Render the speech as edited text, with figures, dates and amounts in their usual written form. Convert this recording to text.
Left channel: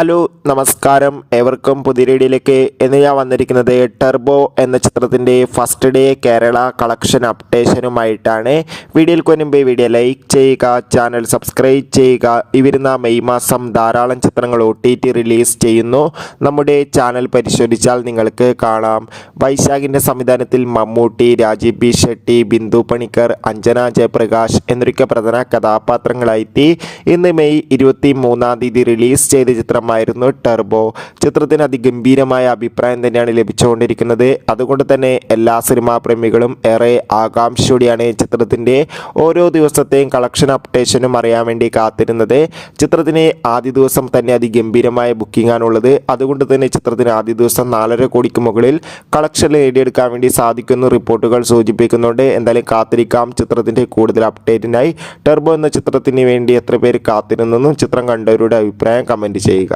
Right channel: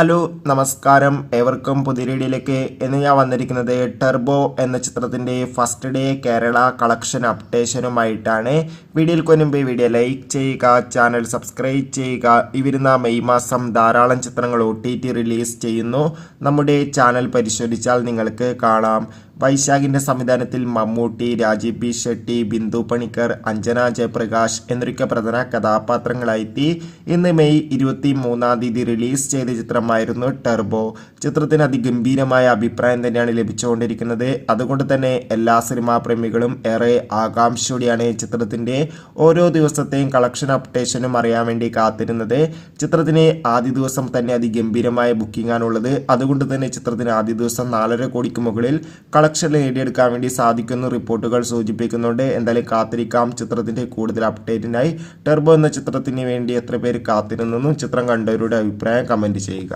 Hello നമസ്കാരം, ഏവർക്കും പുതിയ വീഡിയോയിലേക്ക് ഇന്ന് ഞാൻ വന്നിരിക്കുന്നത് ടർബോ എന്ന ചിത്രത്തിൻ്റെ ഫസ്റ്റ് ഡേ കേരള കളക്ഷൻ അപ്ഡേഷനുമായിട്ടാണ്. വീഡിയോയ്ക്ക് മുൻപ് വീഡിയോ ലൈക്ക് ചെയ്യുക, ചാനൽ സബ്സ്ക്രൈബ് ചെയ്യുക. ഈ വരുന്ന മെയ് മാസം ധാരാളം ചിത്രങ്ങൾ OTT റിലീസ് ചെയ്യുന്നു. നമ്മുടെ ചാനൽ പരിശോധിച്ചാൽ നിങ്ങൾക്ക് കാണാം. വൈശാഖിൻ്റെ സംവിധാനത്തിൽ മമ്മൂട്ടി, രാജീവ് ബി ഷെട്ടി, ബിന്ദു പണിക്കർ, അഞ്ജന ജയപ്രകാശ് എന്നൊക്കെ പ്രധാന കഥാപാത്രങ്ങളായിട്ട് ഇന്ന് മെയ് 23 റിലീസ് ചെയ്ത ചിത്രമായിരുന്നു ടർബോ. ചിത്രത്തിന് അതിഗംഭീരമായ അഭിപ്രായം തന്നെയാണ് ലഭിച്ചുകൊണ്ടിരിക്കുന്നത്. അതുകൊണ്ട് തന്നെ എല്ലാ സിനിമാ പ്രേമികളും ഏറെ ആകാംക്ഷയോടെയാണ് ചിത്രത്തിൻ്റെ ഓരോ ദിവസത്തെയും കളക്ഷൻ അപ്ഡേഷനും അറിയാൻ വേണ്ടി കാത്തിരുന്നത്. ചിത്രത്തിന് ആദ്യ ദിവസം തന്നെ അതിഗംഭീരമായ ബുക്കിംഗ് ആണുള്ളത്. അതുകൊണ്ട് തന്നെ ചിത്രത്തിന് ആദ്യ ദിവസം 4.5 കോടിക്ക് മുകളിൽ കളക്ഷൻ നേടിയെടുക്കാൻ വേണ്ടി സാധിക്കുന്ന റിപ്പോർട്ടുകൾ സൂചിപ്പിക്കുന്നുണ്ട്. എന്തായാലും കാത്തിരിക്കാം ചിത്രത്തിൻ്റെ കൂടുതൽ അപ്ഡേറ്റിനായി. ടർബോ എന്ന ചിത്രത്തിന് വേണ്ടി എത്ര പേര് കാത്തിരുന്നെന്നും ചിത്രം കണ്ടവരുടെ അഭിപ്രായം കമൻറ്റ് ചെയ്യുക.